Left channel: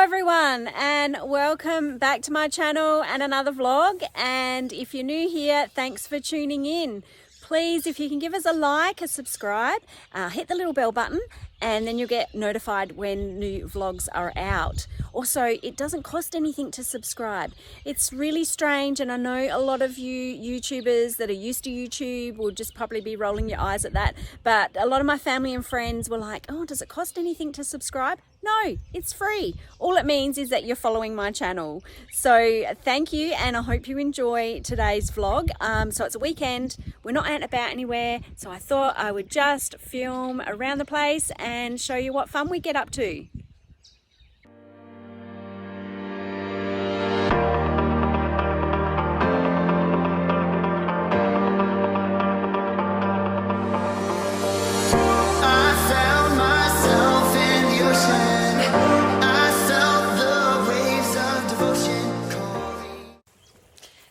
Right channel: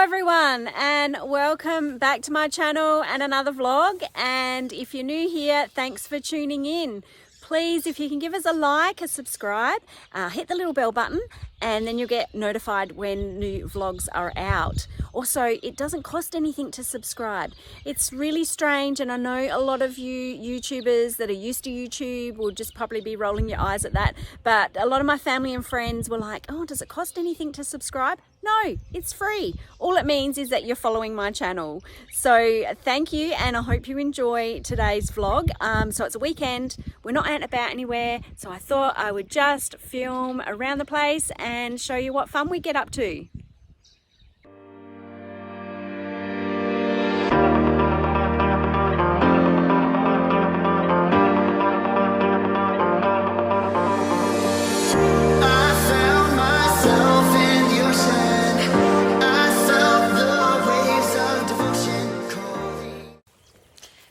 everyone, and welcome back to my channel and another vlog. And if you're new here, thanks for tuning in. Please, if you can give us a like, a subscribe, hit the little bell button, and then you'll get notified when new vlogs are out. Also, it doesn't cost anything to subscribe. It's really strange, and I know a lot of you YouTubers that are used to YouTube will just probably be rolling your eyes at that, but a lot of my family and friends were like, oh, does it cost anything to subscribe? No, it's free. All it means is that you're following my channel. So thank you, and I hope you enjoy today's vlog. So it's a weekend, we're not out and about anywhere, so I thought I would just film around the place and show you what fun we get up to.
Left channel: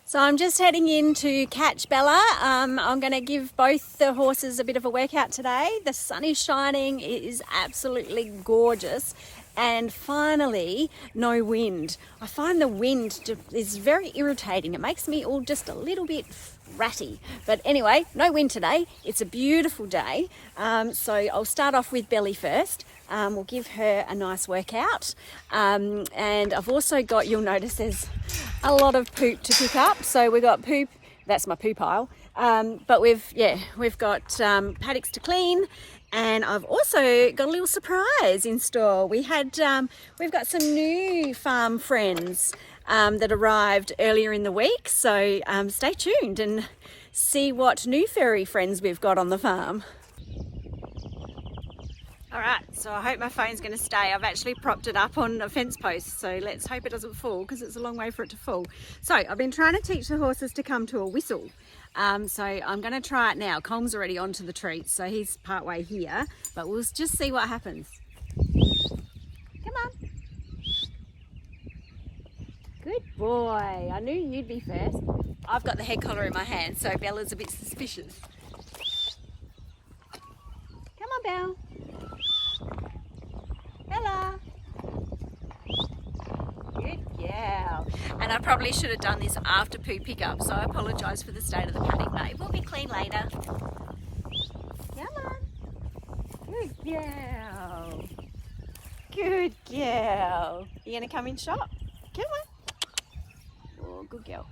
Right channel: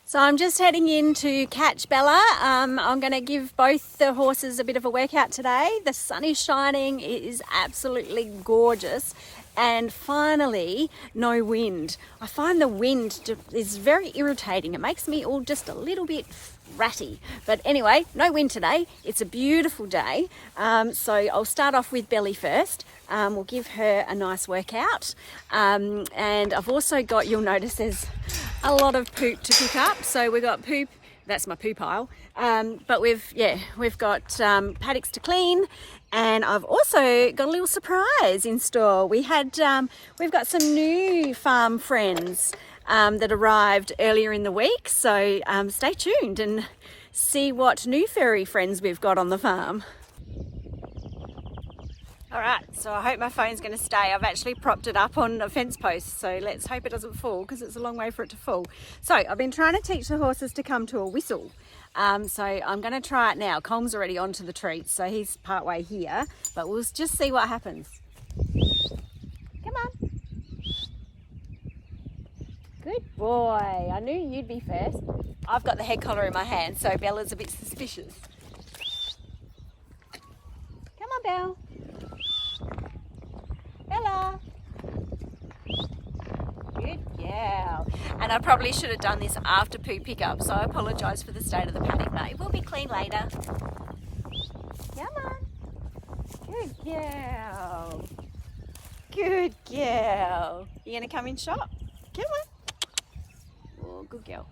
So I'm just heading in to catch Bella. I'm going to give both the horses a bit of a workout today. The sun is shining, it is absolutely gorgeous, and finally no wind. I find the wind is very irritating. It makes me all just a little bit ratty. But anyway, no wind today. It's a beautiful day. So I'll start off with Belly first. We'll give her a nice workout. And I've also got, you'll notice there's a lot of poop to pick up. So we've got poop, that's my poo pile. But we've got paddocks to clean. And I've also got a little surprise in store. We've got some new farm friends that arrived earlier in the week. So stay tuned and see what new furry friends we've got on the farm. All right, so I hope my phone's going to stay. I've actually propped it up on a fence post, so let's hope it doesn't fall because it's a long way for it to fall. So I've been trying to teach the horses to come to a whistle. So I'm going to try it now. Colm's already onto the treats, so he's part way here, but we'll just see what happens. Come on. Good boy. I knew you'd be first. I've got the head collar in my hand, so Bella's a bit suspicious. Come on, Belle. Bella. Good girl. And I probably should have done this after poo pickup, so I apologise for the state of the paddock, but it will be clean later. Come on. Good girl. Good girl. You going to come in shop? Come on. Oh, good girl.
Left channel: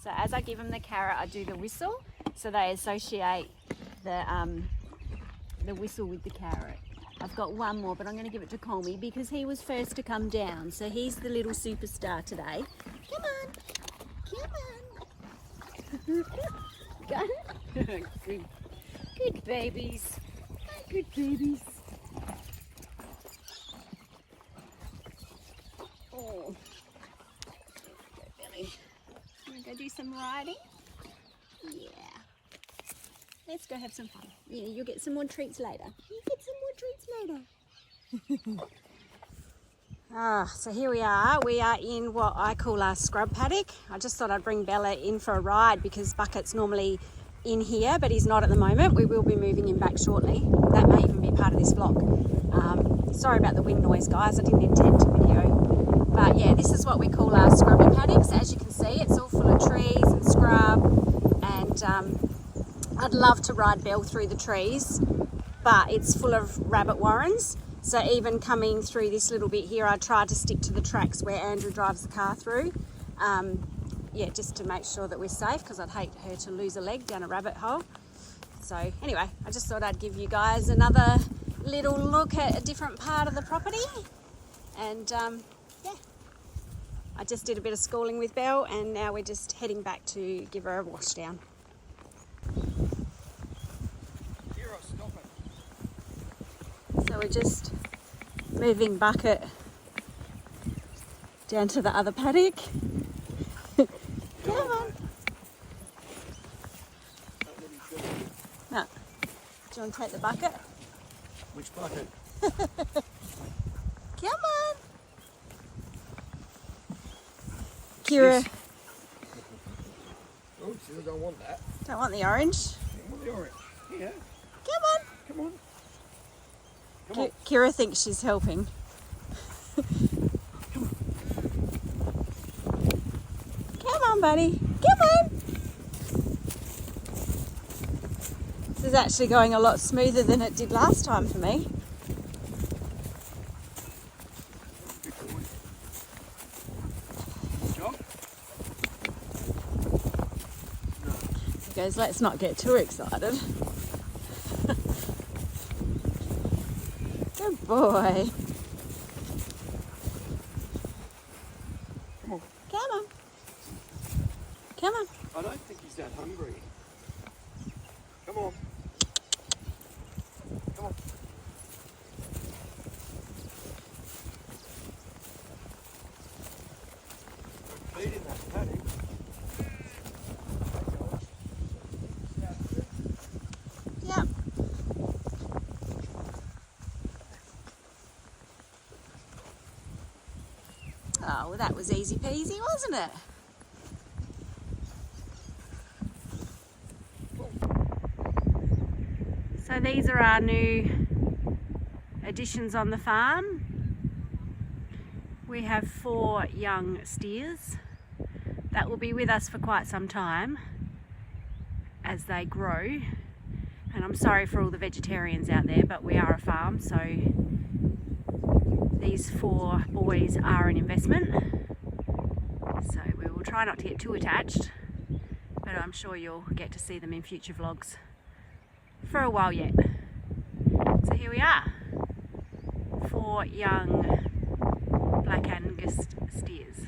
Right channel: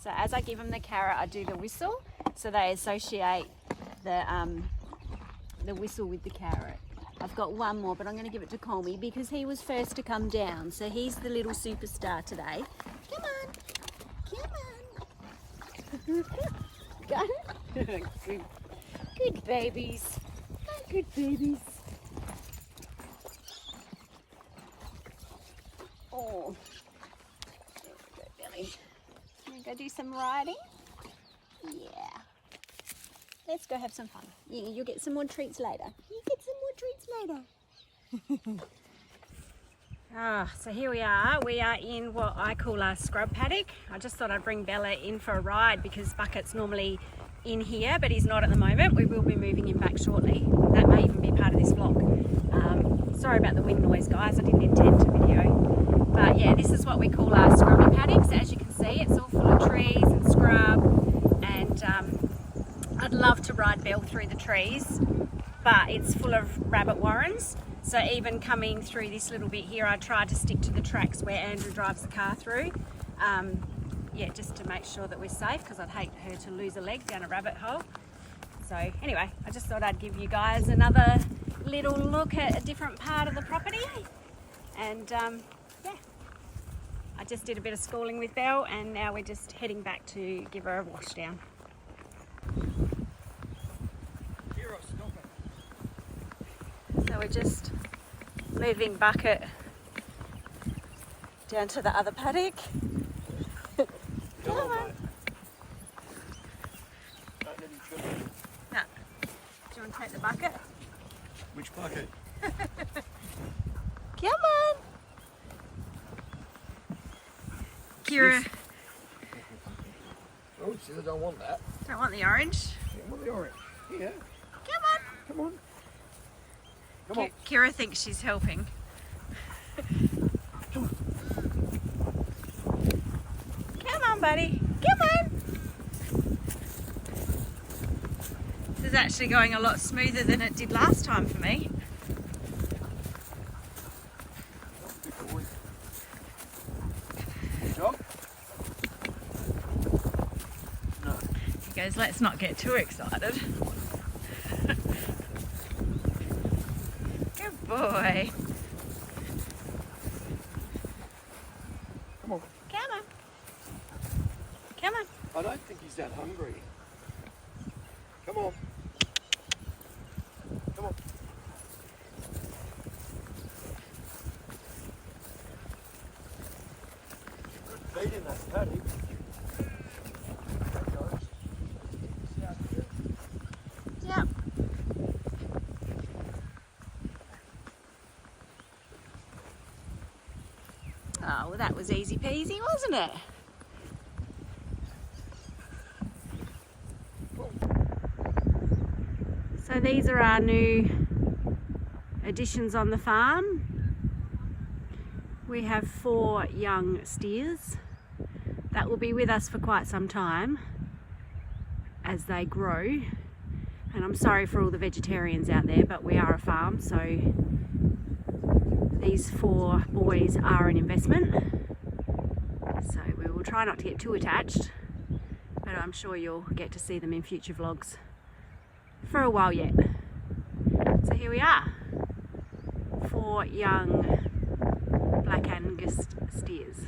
So as I give them the carrot, I do the whistle, so they associate the whistle with the carrot. I've got one more, but I'm going to give it to Colmy because he was first to come down. So he's the little superstar today. Come on. Come on. Good babies. Good babies. Oh. There we go, Billy. Want to go do some riding? Yeah. Let's go have some fun. Yeah, you'll get some more treats later. You'll get some more treats later. So here we are. We are in what I call our scrub paddock. I just thought I'd bring Bella in for a ride because Bucket's normally in here, but he's not at the moment. We will be moving him back shortly. That may even be part of this vlog. Sorry about the wind noise, guys. I didn't intend to video. But yeah, this is what we call our scrubby paddocks. As you can see, it's all full of trees and scrub, and I'd love to ride Belle through the trees, but it's full of rabbit warrens. So even coming through this little bit here, I try to stick to the tracks where Andrew drives the car through. Yeah, just to make sure that we're safe, because I'd hate her to lose a leg down a rabbit hole. So anyway, I just thought I'd give you guys another little look at a different part of the property. And yeah, I just did a bit of schooling with Belle, and now we're just heading back to give her a wash down. Kirra, stop it. So we're just moving Bucket down to the other paddock. No. Do you want to take the bucket? Which bucket? Come on. Kirra. Oh, so I don't want that. Don't want the orange. I want the orange. Here. Come on. Come on. Come on. Kirra thinks she's helping. Come on, buddy. Come on. This is actually going a lot smoother than it did last time for me. He goes, let's not get too excited. Good boy. Come on. Come on. Come on. I don't think he's that hungry. Come on. Come on. Good feed in that paddock. Yep. Oh, well, that was easy peasy, wasn't it? So these are our new additions on the farm. We have 4 young steers that will be with us for quite some time as they grow. And I'm sorry for all the vegetarians out there, but we are a farm, so these 4 boys are an investment. So we will try not to get too attached, but I'm sure you'll get to see them in future vlogs for a while yet. So here we are, 4 young Black Angus steers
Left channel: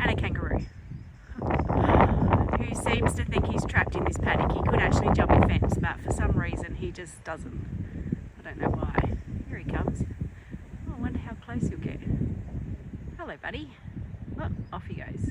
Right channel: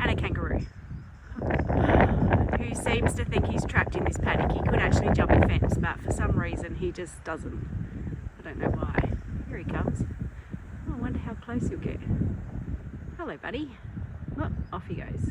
and a kangaroo who seems to think he's trapped in this paddock. He could actually jump a fence, but for some reason he just doesn't. I don't know why. Here he comes. Oh, I wonder how close he'll get. Hello, buddy. Oh, off he goes.